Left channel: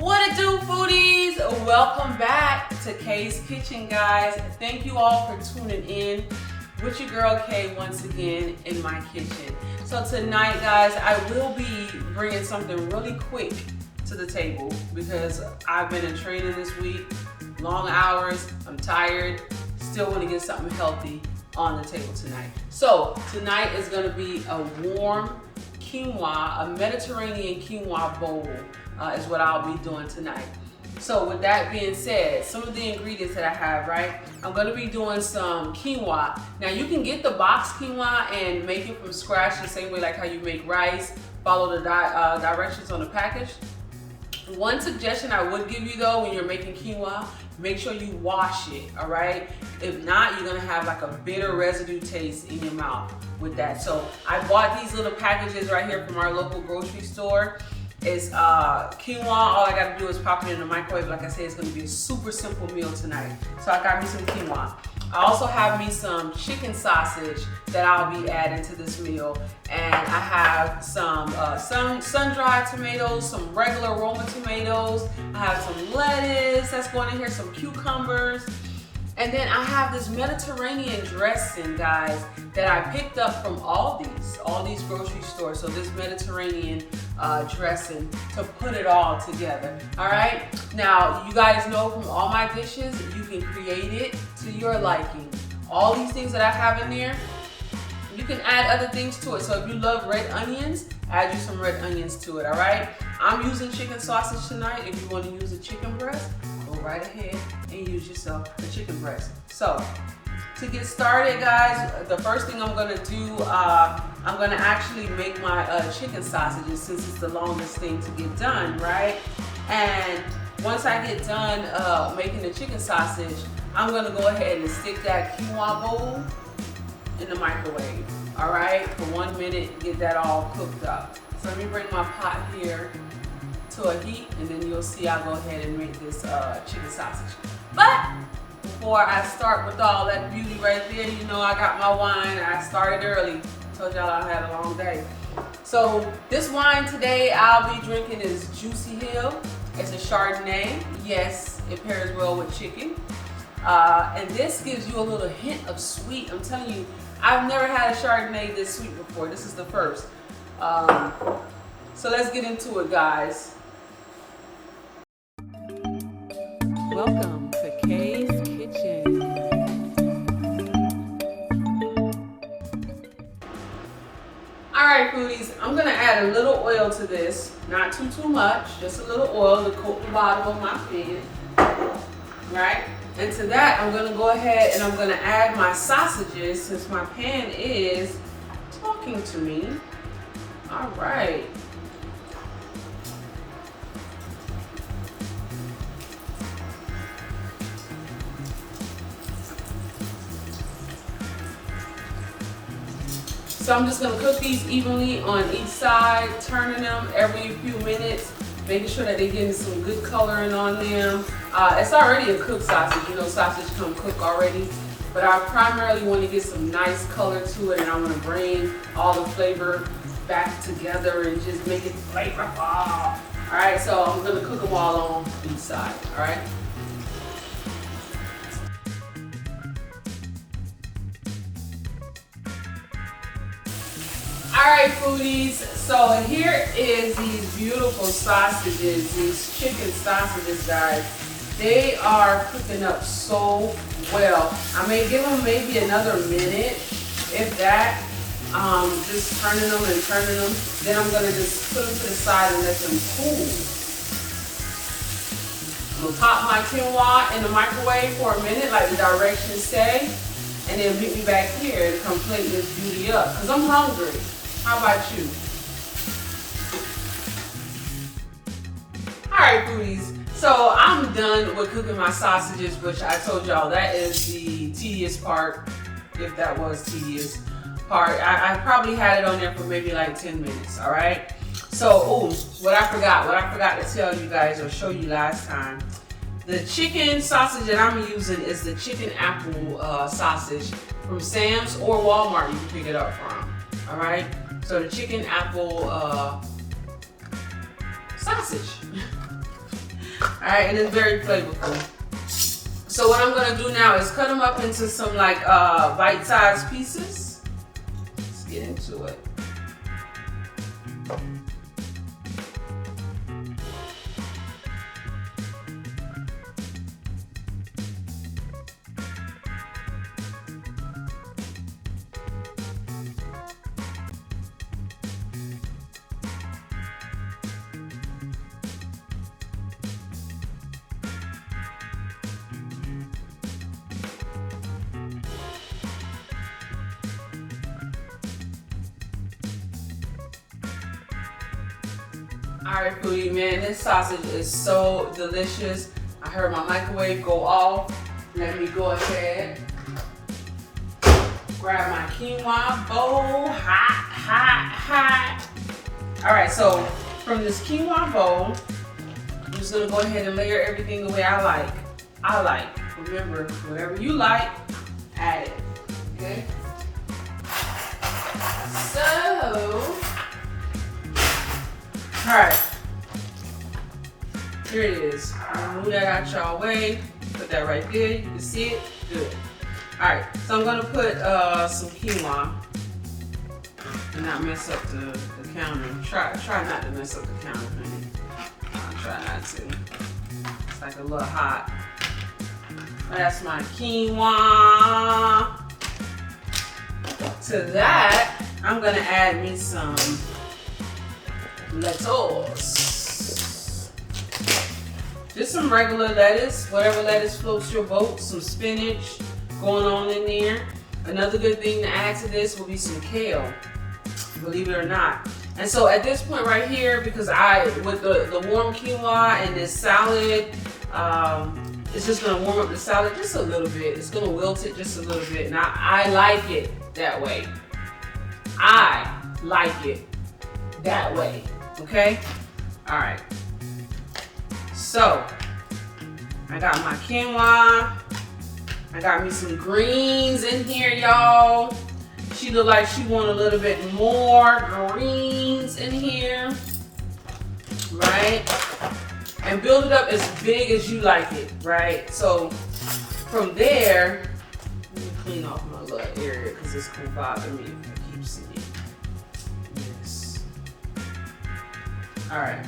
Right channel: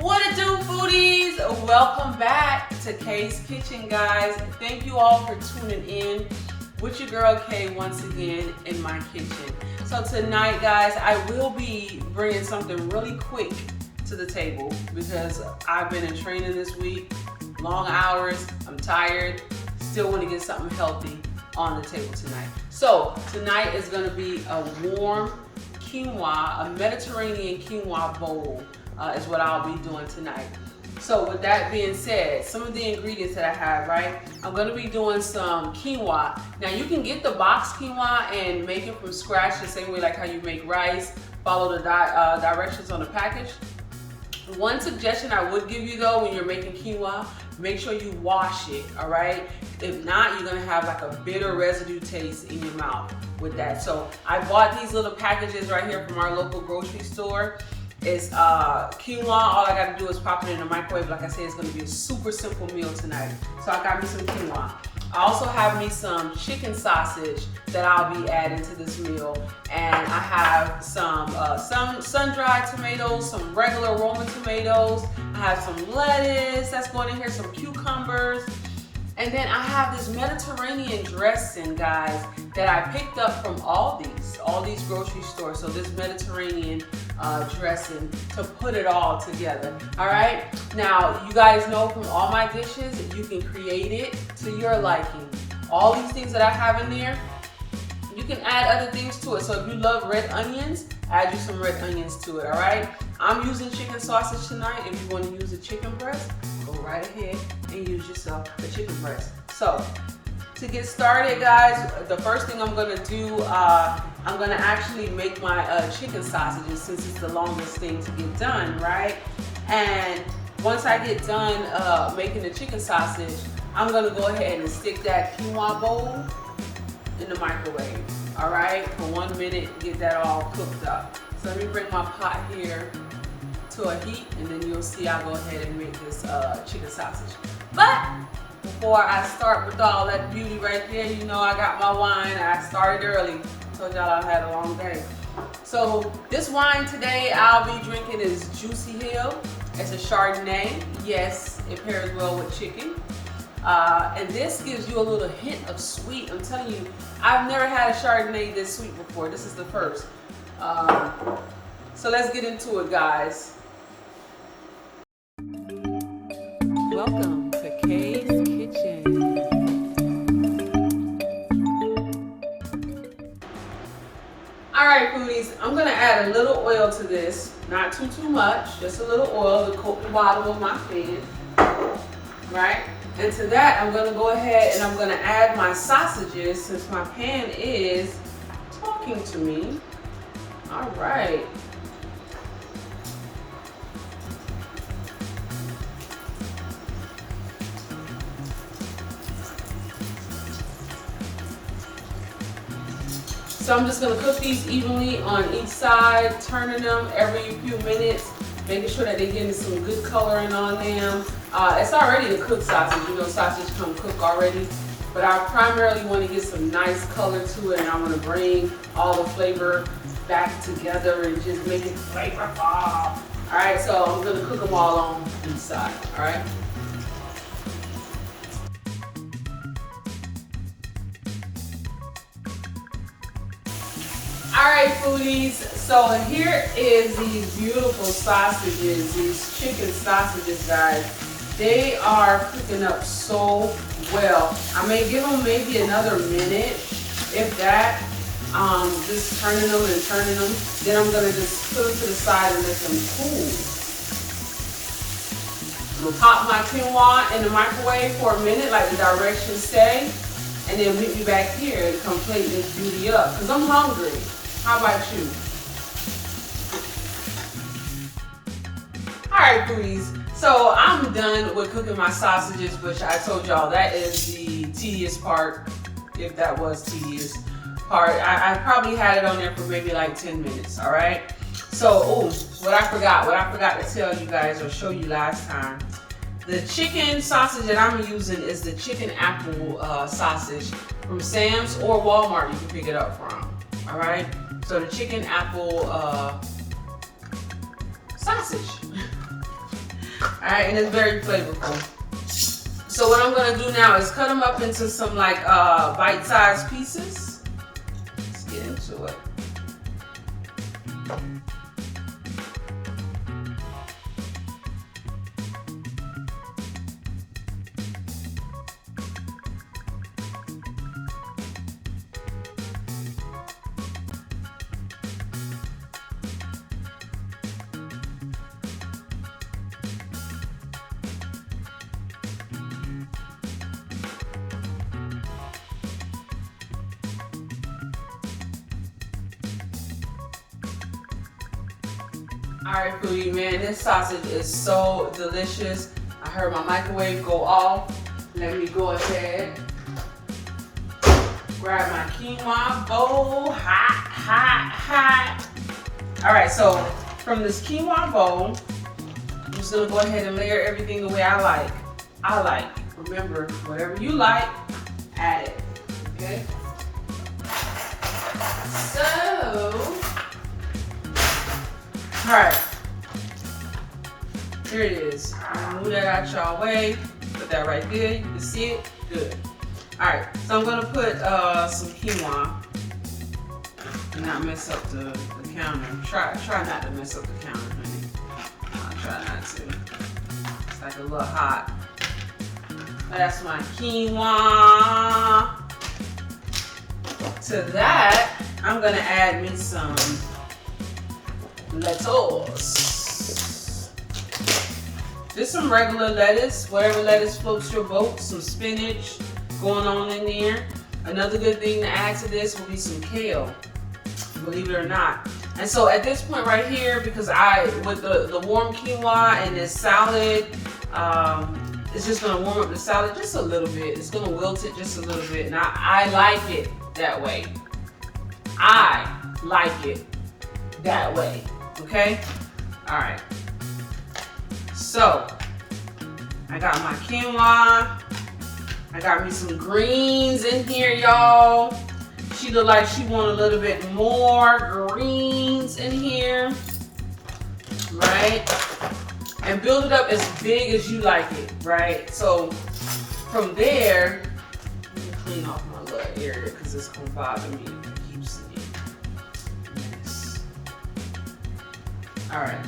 What it do, foodies? Welcome back to Kay's Kitchen, guys. Thank you all for tuning in with your girl Kay once again in my kitchen. So tonight, guys, I will be bringing something really quick to the table because I've been in training this week, long hours, I'm tired, still want to get something healthy on the table tonight. So tonight is going to be a warm quinoa, a Mediterranean quinoa bowl. Is what I'll be doing tonight. So with that being said, some of the ingredients that I have, right? I'm gonna be doing some quinoa. Now you can get the box quinoa and make it from scratch the same way like how you make rice, follow the directions on the package. One suggestion I would give you though when you're making quinoa, make sure you wash it, all right? If not, you're gonna have like a bitter residue taste in your mouth with that. So I bought these little packages right here from our local grocery store. It's quinoa. All I gotta do is pop it in the microwave. Like I said, it's gonna be a super simple meal tonight. So I got me some quinoa. I also have me some chicken sausage that I'll be adding to this meal. And I have some sun-dried tomatoes, some regular Roma tomatoes. I have some lettuce that's going in here, some cucumbers. And then I have this Mediterranean dressing, guys, that I picked up from Aldi's grocery stores. So this Mediterranean dressing to put it all together. All right. Now, you guys know from all my dishes, you can create it to your liking. All these things that I have in there, you can add other things to it. So if you love red onions, add you some red onions to it. All right. I'm using chicken sausage tonight. If you want to use a chicken breast, go right ahead and use yourself a chicken breast. So to get started, guys, the first thing I'm gonna do, I'm gonna actually make my chicken sausages since it's the longest thing to get done, right? And once I get done making the chicken sausage, I'm gonna go ahead and stick that quinoa bowl in the microwave, all right? For 1 minute, get that all cooked up. So let me bring my pot here to a heat, and then you'll see I'll go ahead and make this chicken sausage. But before I start with all that beauty right there, you know I got my wine. I started early. Told y'all I had a long day. So this wine today I'll be drinking is Juicy Hill. It's a Chardonnay. Yes, it pairs well with chicken. And this gives you a little hint of sweet. I'm telling you, I've never had a Chardonnay this sweet before. This is the first. So let's get into it, guys. Welcome to Kay's Kitchen. All right, foodies, I'm gonna add a little oil to this. Not too much, just a little oil to coat the bottom of my pan, right? And to that, I'm gonna go ahead and I'm gonna add my sausages since my pan is talking to me. All right. So I'm just gonna cook these evenly on each side, turning them every few minutes, making sure that they're getting some good coloring on them. It's already a cooked sausage, you know, sausage come cooked already, but I primarily want to get some nice color to it, and I want to bring all the flavor back together and just make it flavorful. All right, so I'm gonna cook them all on each side, all right? All right, foodies, so here is these beautiful sausages, these chicken sausages, guys. They are cooking up so well. I may give them maybe another minute, if that, just turning them and turning them. Then I'm gonna just put them to the side and let them cool. I'm gonna pop my quinoa in the microwave for a minute, like the directions say, and then meet me back here to complete this beauty up, because I'm hungry. How about you? All right, foodies. So I'm done with cooking my sausages, which I told y'all that is the tedious part, if that was tedious part. I probably had it on there for maybe like 10 minutes, all right? So, what I forgot to tell you guys or show you last time. The chicken sausage that I'm using is the chicken apple sausage from Sam's or Walmart. You can pick it up from, all right? So the chicken apple sausage. Alright, and it's very flavorful. So what I'm gonna do now is cut them up into some like bite-sized pieces. Let's get into it. Alright, foodie, man, this sausage is so delicious. I heard my microwave go off. Let me go ahead, grab my quinoa bowl, hot. Alright, so from this quinoa bowl, I'm just gonna go ahead and layer everything the way I like. Remember, whatever you like, add it, okay? So, alright, here it is. I'm gonna move that out y'all way. Put that right there. You can see it. Good. Alright, so I'm gonna put some quinoa and not mess up the counter. Try not to mess up the counter, honey. I'll try not to. It's like a little hot. That's my quinoa. To that, I'm gonna add me some lettuce. Just some regular lettuce, whatever lettuce floats your boat, some spinach going on in there. Another good thing to add to this will be some kale, believe it or not. And so at this point right here, because with the warm quinoa and this salad, it's just gonna warm up the salad just a little bit. It's gonna wilt it just a little bit. And I like it that way. I like it that way. Okay? All right. So, I got my quinoa. I got me some greens in here, y'all. She look like she want a little bit more greens in here, right? And build it up as big as you like it, right? So, from there, let me clean off my little area because it's gonna bother me if I keep seeing this. All right.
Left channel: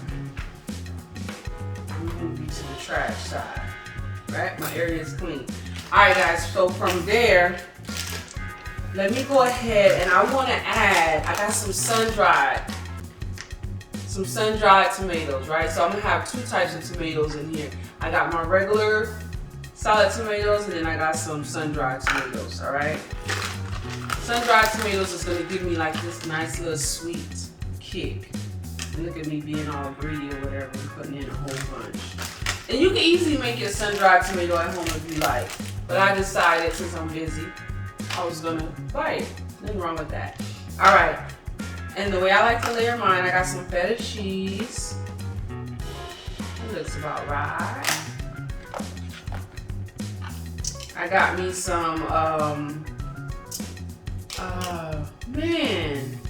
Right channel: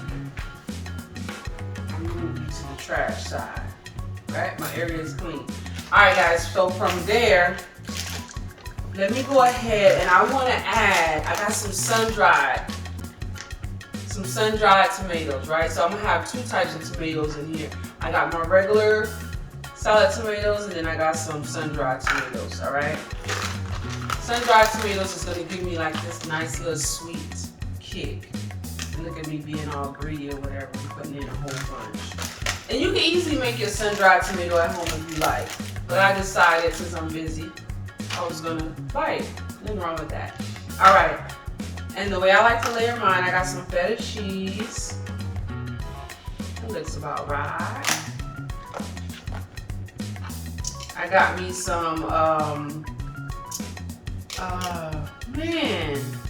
Move you to the trash side, right? My area is clean. All right, guys, so from there, let me go ahead and I want to add, I got some sun-dried tomatoes, right? So I'm gonna have two types of tomatoes in here. I got my regular salad tomatoes and then I got some sun-dried tomatoes, all right? Sun-dried tomatoes is gonna give me like this nice little sweet kick. And look at me being all greedy or whatever, I'm putting in a whole bunch. And you can easily make your sun-dried tomato at home if you like. But I decided, since I'm busy, I was gonna buy it. Nothing wrong with that. All right, and the way I like to layer mine, I got some feta cheese. That looks about right. I got me some,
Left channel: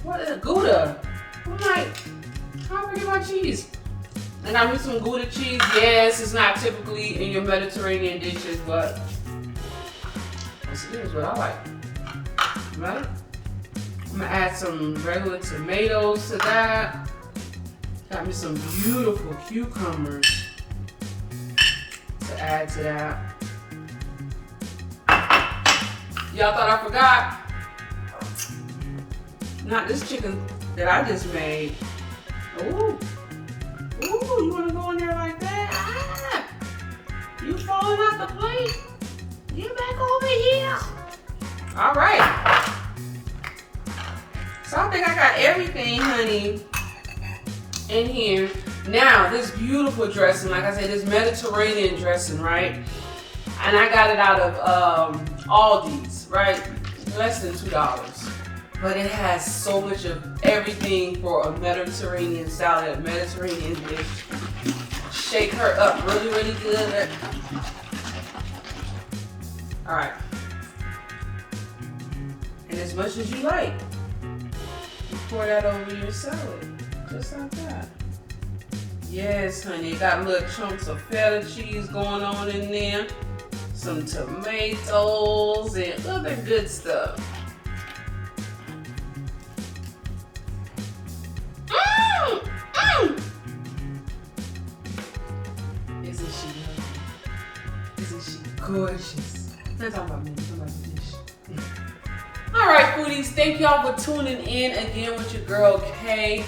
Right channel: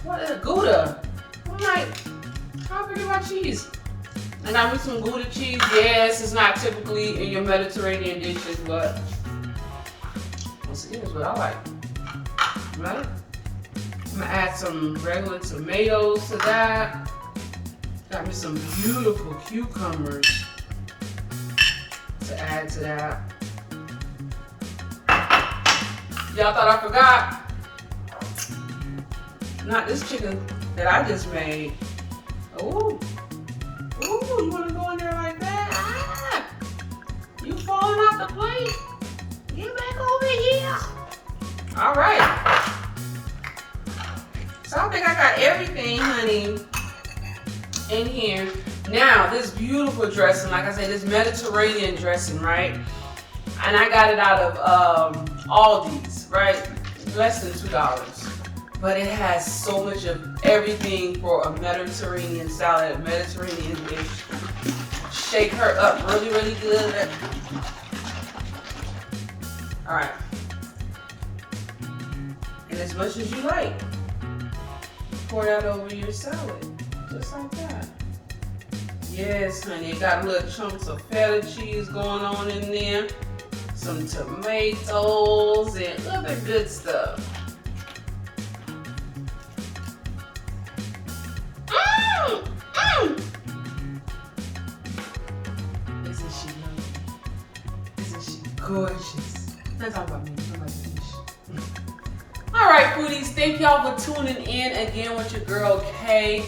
what is Gouda? I'm like, how forget about cheese? And I got me some Gouda cheese. Yes, it's not typically in your Mediterranean dishes, but this is what I like. Right? I'm gonna add some regular tomatoes to that. Got me some beautiful cucumbers to add to that. Y'all thought I forgot? Not this chicken that I just made. Ooh, you wanna go in there like that? Ah, you falling off the plate? Get back over here. All right. So I think I got everything, honey, in here. Now, this beautiful dressing, like I said, this Mediterranean dressing, right? And I got it out of Aldi's, right? Less than $2. But it has so much of everything for a Mediterranean salad, a Mediterranean dish. Shake her up really, really good. All right. And as much as you like, you pour that over your salad, just like that. Yes, honey. Got little chunks of feta cheese going on in there. Some tomatoes and other good stuff. Mmm! Mmm! Isn't she lovely? Isn't she gorgeous? Let's talk about me. All right, foodies, thank y'all for tuning in again with your girl Kay.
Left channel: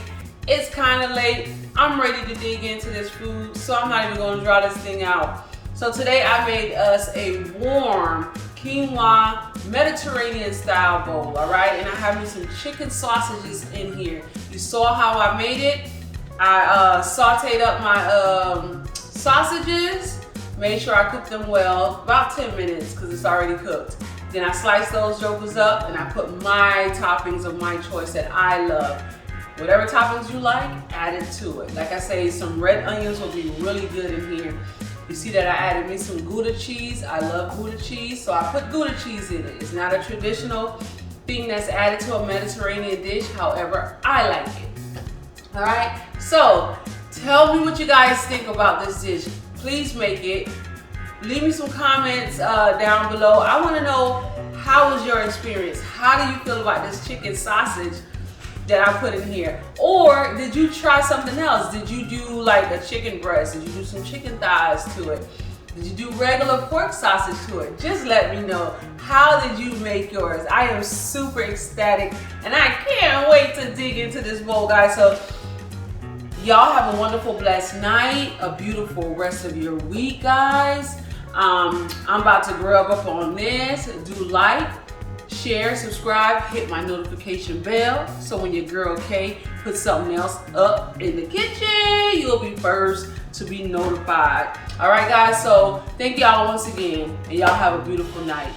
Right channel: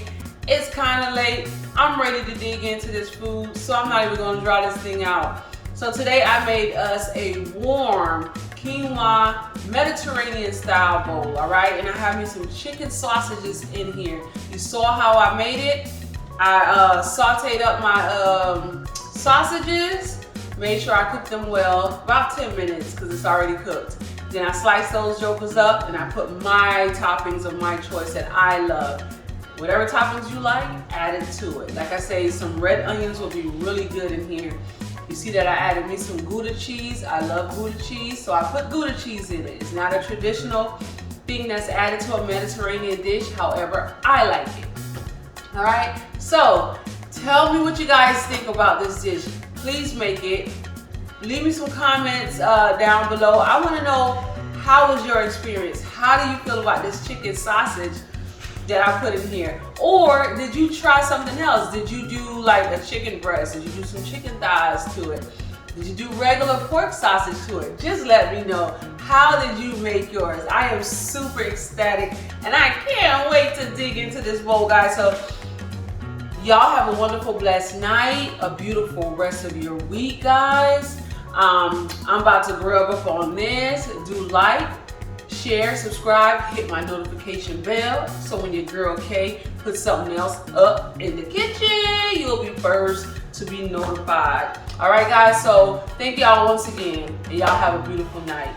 It's kind of late. I'm ready to dig into this food, so I'm not even going to draw this thing out. So today I made us a warm quinoa Mediterranean style bowl, all right? And I have me some chicken sausages in here. You saw how I made it. I sauteed up my sausages, made sure I cooked them well, about 10 minutes because it's already cooked. Then I sliced those jokers up and I put my toppings of my choice that I love. Whatever toppings you like, add it to it. Like I say, some red onions will be really good in here. You see that I added me some Gouda cheese. I love Gouda cheese, so I put Gouda cheese in it. It's not a traditional thing that's added to a Mediterranean dish. However, I like it. All right, so tell me what you guys think about this dish. Please make it. Leave me some comments down below. I want to know, how was your experience? How do you feel about this chicken sausage that I put in here? Or did you try something else? Did you do like a chicken breast? Did you do some chicken thighs to it? Did you do regular pork sausage to it? Just let me know. How did you make yours? I am super ecstatic and I can't wait to dig into this bowl, guys. So y'all have a wonderful, blessed night, a beautiful rest of your week, guys. I'm about to grub up on this. Do like, share, subscribe, hit my notification bell so when your girl Kay puts something else up in the kitchen, you'll be first to be notified. All right, guys, so thank y'all once again, and y'all have a beautiful night.